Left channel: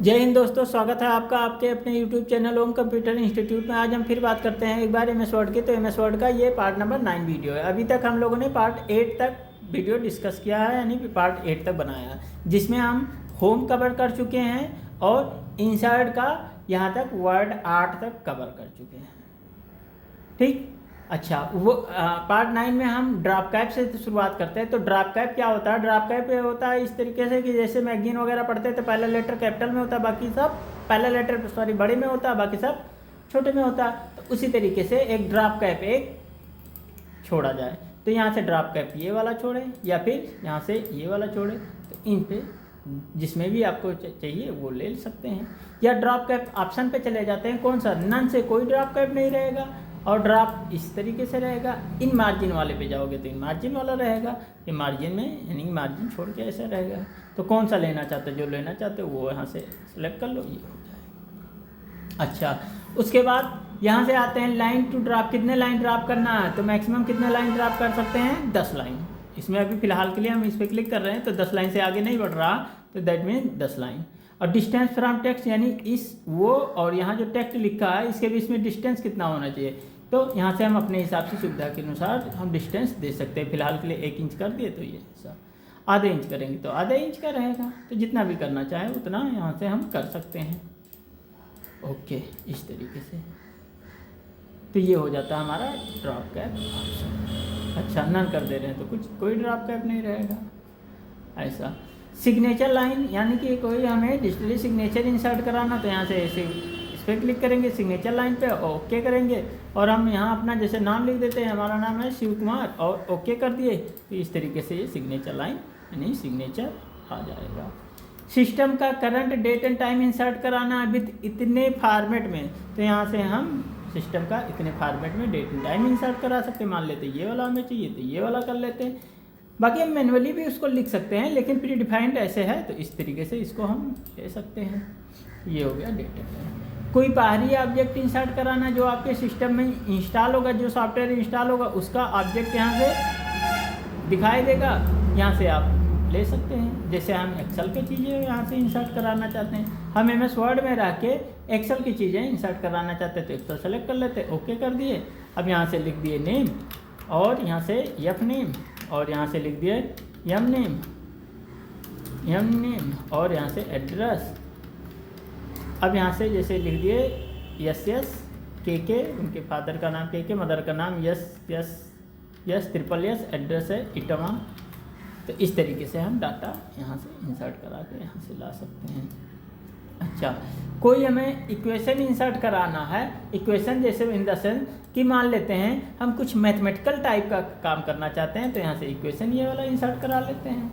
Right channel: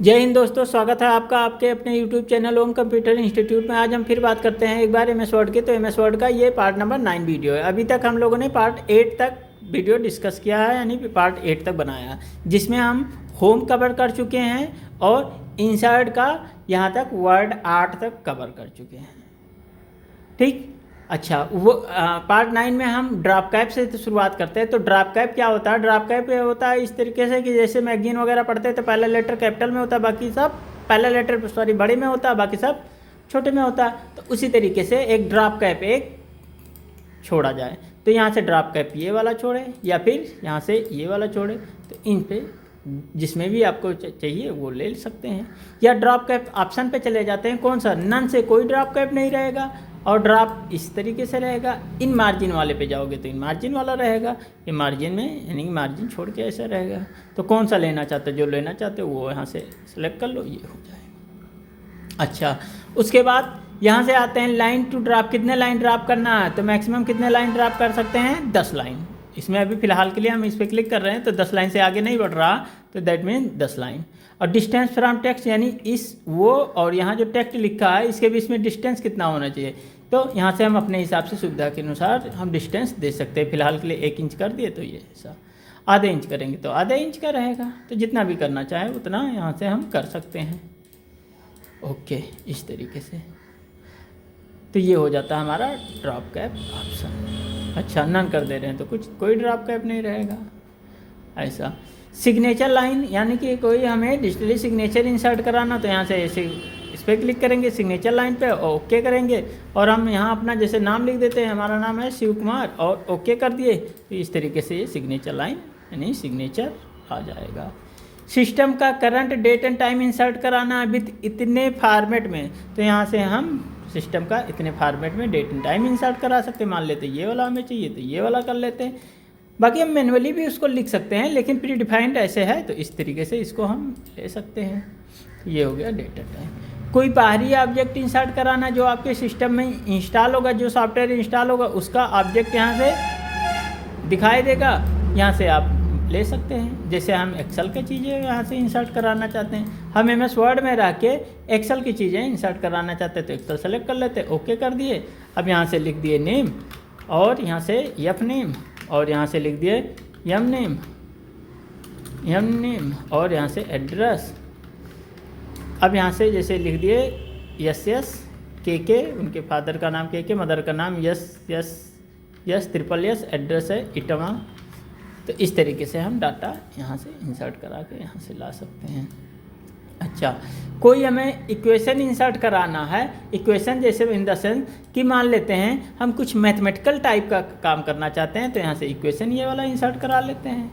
जय हिंद दोस्तों, स्वागत है आपका आपके अपने YouTube चैनल ओम कंप्यूटर इंस्टीट्यूट में। आज हम फिर बात करते हैं एक बार एमएस वर्ड की। तो एमएस वर्ड का ये पार्ट नंबर 9 वीडियो है। अभी तक हम लोगों ने पार्ट 8 तक वीडियो डिस्कस किया है, यानी पार्ट 8 तक बनाया है, जिसमें हम होम कवर कर चुके हैं और इंसर्ट का यहाँ तक वर्ड आर्ट तक कवर कर चुके हैं। ठीक, अच्छा वो पार्ट 9 में हम ड्राप कैप से शुरुआत करते हैं। तो ड्राप कैप क्या होता है? ड्राप कैप होता है इस तरीके से कि जैसे मैगजीन वगैरह पढ़ते हैं तो पहला लेटर कैपिटल में होता है, बाकी सब पहला लेटर बड़े में होता है, बाकी सब छोटे में होता है। तो उसी तरीके से एक ड्राप कैप एक छोड़ा जाए तो यहाँ से ड्राप कैप ये वाला छोड़े या फिर यहाँ से ये वाला छोड़े, तो इन पे जिसमें भी आपको चाहिए वो ले सकते हैं। या ड्रॉप कैप ऑप्शन पे चले जाते हैं, कौन सा? नन से कोई ड्रॉप कैप नहीं रहेगा और ड्रॉप इस तरीके से रहेगा। इन मार्जिन वाले पे जाओगे तो इन मार्जिन वाला रहेगा, ये मार्जिन में यानी मार्जिन छोड़ के ऐसा रहेगा। तो कौन सा लेना चाहते हो? जो लेना चाहते हो वो यहाँ से सेलेक्ट कर लो, ये हो जाएगा। अच्छा, उसके बाद यहाँ से आते हैं लाइन टू ड्रॉप। कितने लाइन ड्रॉप करना है? तो मैक्सिमम कितने लाइन ड्रॉप कर सकते हैं? 10 लाइन। इसमें अभी फिलहाल के लिए हम इस पर क्लिक कर रहे हैं तो 10 लाइन से आगे नहीं बढ़ रहा, तो दैट मीन 10 लाइन। और डिस्टेंस फ्रॉम टेक्स्ट, यानी इस वो और यहाँ जो टेक्स्ट लिखा है इसके बीच में डिस्टेंस कितना होना चाहिए? तो यहाँ से हम अपने हिसाब से सुविधा के अनुसार हम डिस्टेंस दे सकते हैं। फिलहाल के लिए 1 इंच कर दिए तो ये ऐसा, आधे इंच करेंगे तो आधे इंच का रहेगा। तो जितना भी करना चाहे उतना यहाँ से हम कर सकते हैं। ओके, इस तरीके से तो ये हो जाता है हमारा ड्रॉप कैप ऑप्शन। अच्छा, नन कर दे रहे हैं तो कोई ड्रॉप कैप नहीं रहेगा। ऐसा सिग्नेचर लाइन, यानी कि कोई हमें डिजिटली सिग्नेचर इंसर्ट कराना, तो यहाँ से ऐसे इस पर क्लिक करेंगे सिग्नेचर लाइन पे, ओके करेंगे और हम यहाँ अपना जैसे नाम लिख देते हैं, हमारा नाम है शिव कुमार और ओके कर दिए। तो इस तरीके से ये सिग्नेचर लाइन यानी सिग्नेचर आ जाएगा। सिस्टम का current date and time insert कराना है विद इतने फॉर्मेट में, तो यहाँ से हम सिस्टम का इतने फॉर्मेट में डेट एंड टाइम इंसर्ट करा सकते हैं। मान लेते ये वाला हमें चाहिए तो ये वाला कर लेते हैं। बाकी हम मैनुअली भी उसको लिख सकते हैं, लेकिन प्री डिफाइंड ऐसे है तो इस तरीके से इसको हम ले सकते हैं। ये हो गया डेट एंड टाइम। कोई बाहरी ऑब्जेक्ट इंसर्ट कराना जो आपके सिस्टम में इंस्टॉल होगा, जो सॉफ्टवेयर इंस्टॉल होगा उसका ऑब्जेक्ट यहाँ से दिखाई देगा, यहाँ से आप ले सकते हैं। जैसे हम एक्सेल की चीज़ें यहाँ से इंसर्ट कराना चाहते हैं, हम एमएस वर्ड में रह के एक्सेल की चीज़ें इंसर्ट कराना चाहते हैं तो एक्सेल सेलेक्ट कर लेते हैं, ओके कर दिए। अब यहाँ से लिख दिए नेम और यहाँ से यफ नेम और यहाँ से लिख दिए यम नेम और यहाँ से एड्रेस। अब यहाँ से जैसे लिख दिए यस के उनके फादर का नाम के मदर का नाम यस ट्रिपल यस, एड्रेस है इटवा। तो इस तरीके से हम डाटा यहाँ से इंसर्ट करा के यहाँ से ला सकते हैं। अच्छा, कोई हमें इक्वेशन इंसर्ट कराना है, इक्वेशन जैसे इन द सेंस कि मान लेते हैं हम कुछ मैथमेटिकल टाइप का काम करना चाहते हैं, तो यहाँ से इक्वेशन ये वाला इंसर्ट करा लेते हैं,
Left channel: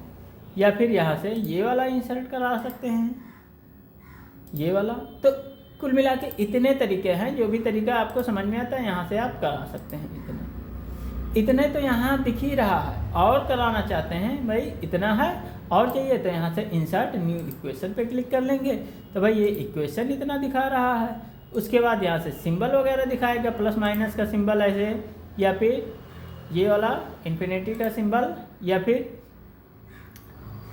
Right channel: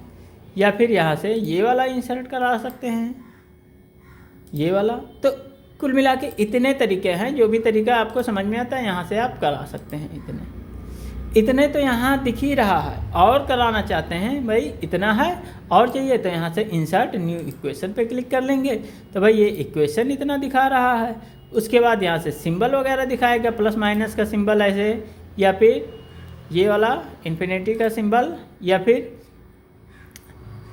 या फिर यहाँ से ये वाला इंसर्ट करा सकते हैं, ये वाला। तो कुल मिला के इतने तरीके हैं, जो भी तरीका आपको समझ में आता है यहाँ से आप करा सकते हैं। इतने तो यहाँ दिख ही रहा है, और कराना चाहते हैं भाई इतना है और चाहिए तो यहाँ से इंसर्ट न्यू इक्वेशन पे क्लिक कर लेंगे, तो भाई ये इक्वेशन इतना दिखा रहा है। उसके बाद यहाँ से सिंबल वगैरह दिखाएगा, प्लस माइनस का सिंबल ऐसे, या फिर ये वाला इन्फिनिटी का सिंबल, या फिर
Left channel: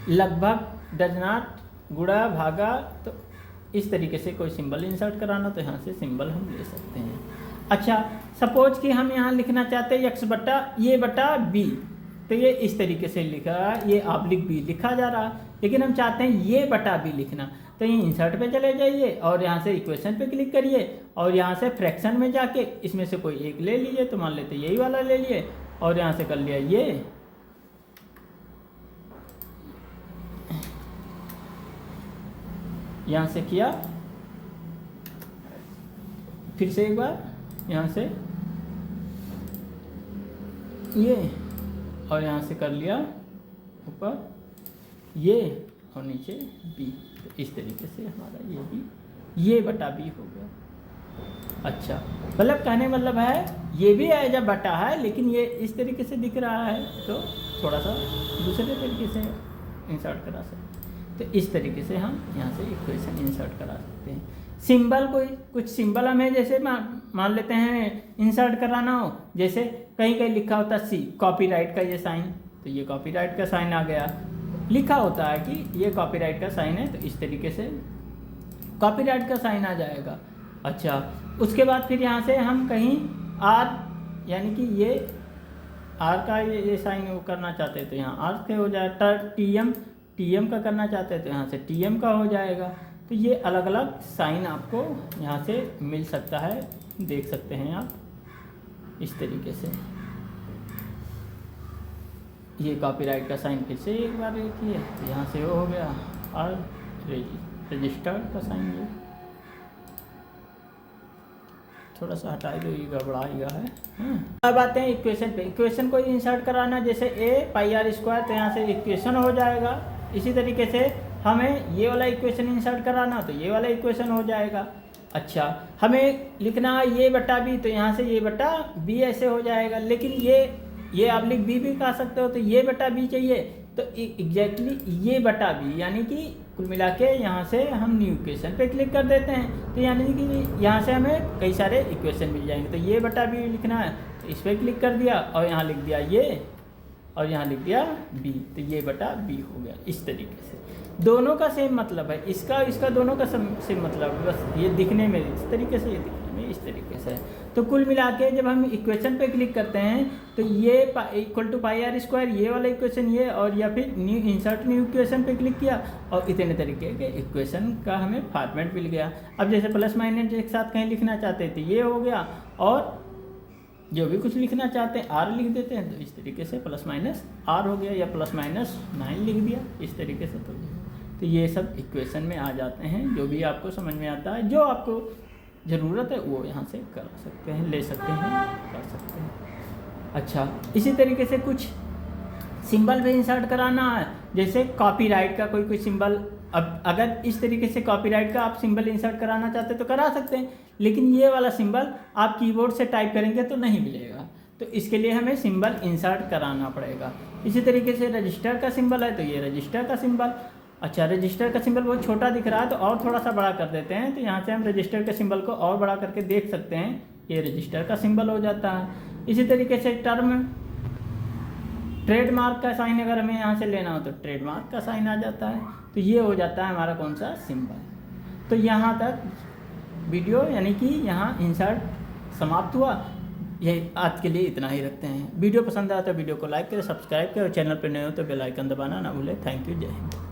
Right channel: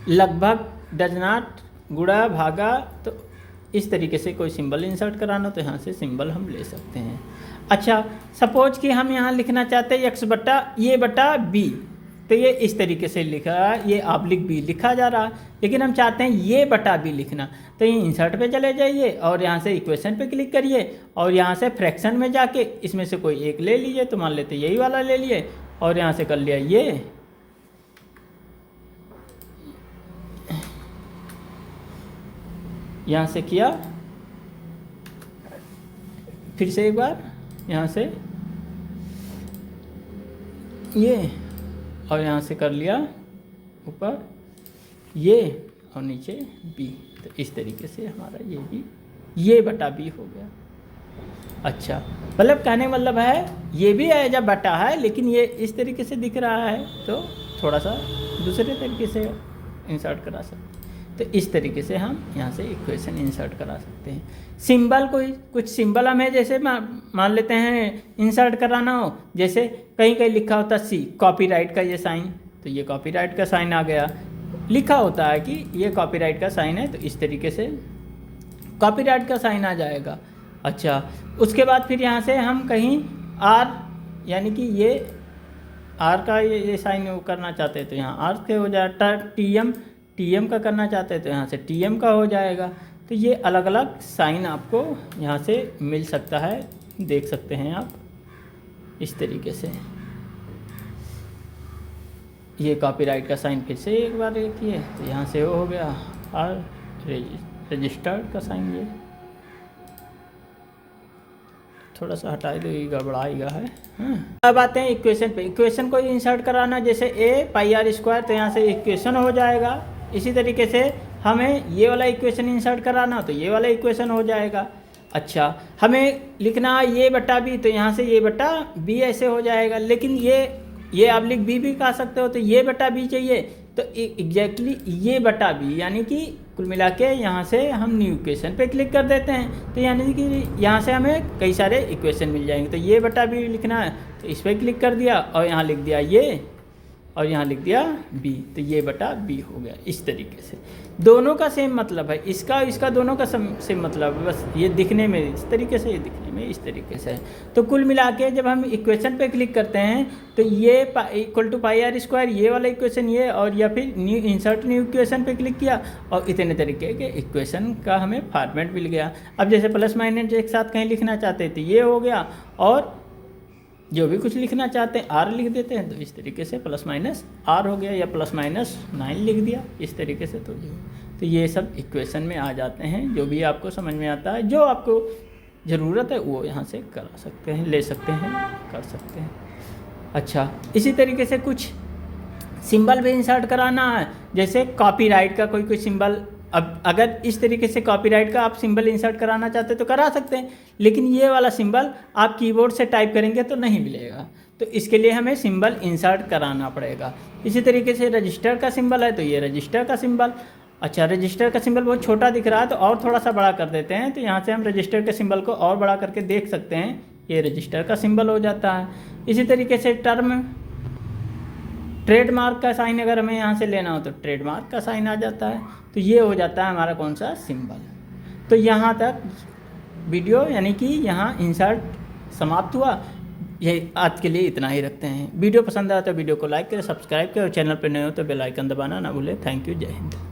लगभग, डज नॉट, गुणा, भागा। तो इस तरीके से कोई सिंबल इंसर्ट कराना तो यहाँ से सिंबल हम ले सकते हैं। अच्छा, सपोज कि हम यहाँ लिखना चाहते हैं x बटा ये बटा b, तो ये इस तरीके से लिखा है, ये ऑब्लिक b लिखा जा रहा है, लेकिन हम चाहते हैं ये बटा b लिखना, तो ये इंसर्ट पे चले जाइए और यहाँ से इक्वेशन पे क्लिक करिए और यहाँ से फ्रैक्शन में जाके इसमें से कोई एक ले लीजिए। तो मान लेते यही वाला ले लिए और यहाँ से कर लिया ये, यहाँ से किया, फिर से एक बार यहाँ से ये और यहाँ से कर लिया ऊपर ये और नीचे बी। तो इस तरीके से हमारा ये भी ये बटा बी हो गया। अच्छा, मतलब कहने मतलब है ये भी एज अ बटा है, लेकिन ये इस तरीके से दिख रहा है तो थोड़ा सा दूसरे तरीके से इंसर्ट करा सकते हैं। तो इस तरीके से हम यहाँ से इक्वेशन इंसर्ट करा सकते हैं। सिंबल, कोई कुछ सिंबल हमें जैसे मान लेते हैं इंसर्ट कराना हो, जैसे कहीं कहीं लिखा होता सी, कॉपीराइट का ये साइन, तो ये कॉपीराइट का साइन आ गया, लिखा होता है कि ये कॉपीराइट का साइन है, तो इस तरीके से कॉपीराइट का साइन आ जाएगा। अच्छा, उसके बाद फिर यहाँ से हम कहीं आर यानी कि ये आर का ये साइन वो करना चाहते हैं तो यहाँ आर के हो जाएगा। टी एम का करना चाहते हैं तो यहाँ से टी एम का हो जाएगा। तो ये अलग अलग साइन आपको यहाँ से मिल सकता है, देख सकते हैं आप इस तरीके से। ये कॉपीराइट का साइन फिर से एक बार देखिए तो यहाँ से वो हो गया और रजिस्टर्ड का साइन ये थोड़ा सा हटा दो, ये गड़बड़ाएगा है। अब आते हैं इक्वेशन पे। इक्वेशन को इंसर्ट कराना, जैसे a पाई आर स्क्वायर तो यहाँ से इक्वेशन हो जाएगा। इसी तरीके से हमें ये वाला इक्वेशन इंसर्ट कराना तो ये वाला इक्वेशन हो जाएगा। अच्छा, हमें लिखना ये बटा बी तो यहाँ से ये बटा बी ऐसे हो जाएगा। लेकिन ये आप लिख बी भी कहा सकते हो, तो ये बटा बी चाहिए तो एग्जैक्टली ये बटा बी, यानी कि कुल मिला के यहाँ से हम न्यू इक्वेशन पे क्लिक कर देते हैं तो यानी कि यहाँ से हमें कई सारे इक्वेशन मिल जाएंगे। तो ये बटा बी लिखना है तो इस पर क्लिक कर दिया और यहाँ लिख दिया ये और यहाँ लिख दिया बी, तो ये बटा बी हो गया। इस तरीके से दोनों का सेम मतलब है, इसका दोनों का सेम मतलब है, बस ये दिखने में इस तरीके से, ये दिखने में इस तरीके से है। तो कुल मिला के जब हम इक्वेशन पे क्लिक करते हैं तो ये equal to pi r square ये वाला इक्वेशन ये, और या फिर न्यू इंसर्ट न्यू इक्वेशन पे क्लिक किया और इतने तरीके के इक्वेशन का हमें फॉर्मेट मिल गया। अब जैसे प्लस माइनस एक साथ कहीं लिखना चाहते थे ये हो गया, और जो भी कुछ लिखना चाहते हैं आर लिख देते हैं तो इस तरीके से प्लस माइनस आर हो गया, या प्लस माइनस 9 लिख दिया इस तरीके से। तो ये सब इक्वेशन में आ जाते हैं। जो भी आपको समझ में आता है, जो आपको ज़रूरत है वो यहाँ से कर सकते हैं, ले सकते हैं, कर सकते हैं। अच्छा, इसी तरीके से कुछ सिंबल भी इंसर्ट कराना है, जैसे कॉपीराइट का कोई सिंबल। अब अगर इस तरीके से कॉपीराइट का आप सिंबल इंसर्ट कराना चाहते हैं तो करा सकते हैं, लेकिन ये वाला सिंबल आप कीबोर्ड से टाइप करेंगे तो नहीं मिलेगा, तो इसके लिए हमें सिंबल इंसर्ट कराना पड़ेगा। इसी तरीके से रजिस्टर का सिंबल है तो ये रजिस्टर का सिंबल। अच्छा, रजिस्टर का सिंबल बहुत छोटा दिख रहा है तो और थोड़ा सा बड़ा कर देते हैं, तो यहाँ से हम रजिस्टर के सिंबल को और बड़ा करके देख सकते हैं, ये रजिस्टर का सिंबल हो जाता है। इसी तरीके से ट्रेडमार्क का साइन अगर हमें यहाँ से लेना हो तो ट्रेडमार्क का साइन आ जाता है, तो ये हो जाता है हमारा कौन सा सिंबल। तो यहाँ तक वीडियो यानी कि यहाँ इंसर्ट समाप्त हुआ। ये आज के लिए इतना ही रखते हैं। वीडियो पसंद आया तो वीडियो को लाइक करें, सब्सक्राइब करें और चैनल पर नए हो तो बेल आइकन दबाना ना भूलें। थैंक यू, जय हिंद।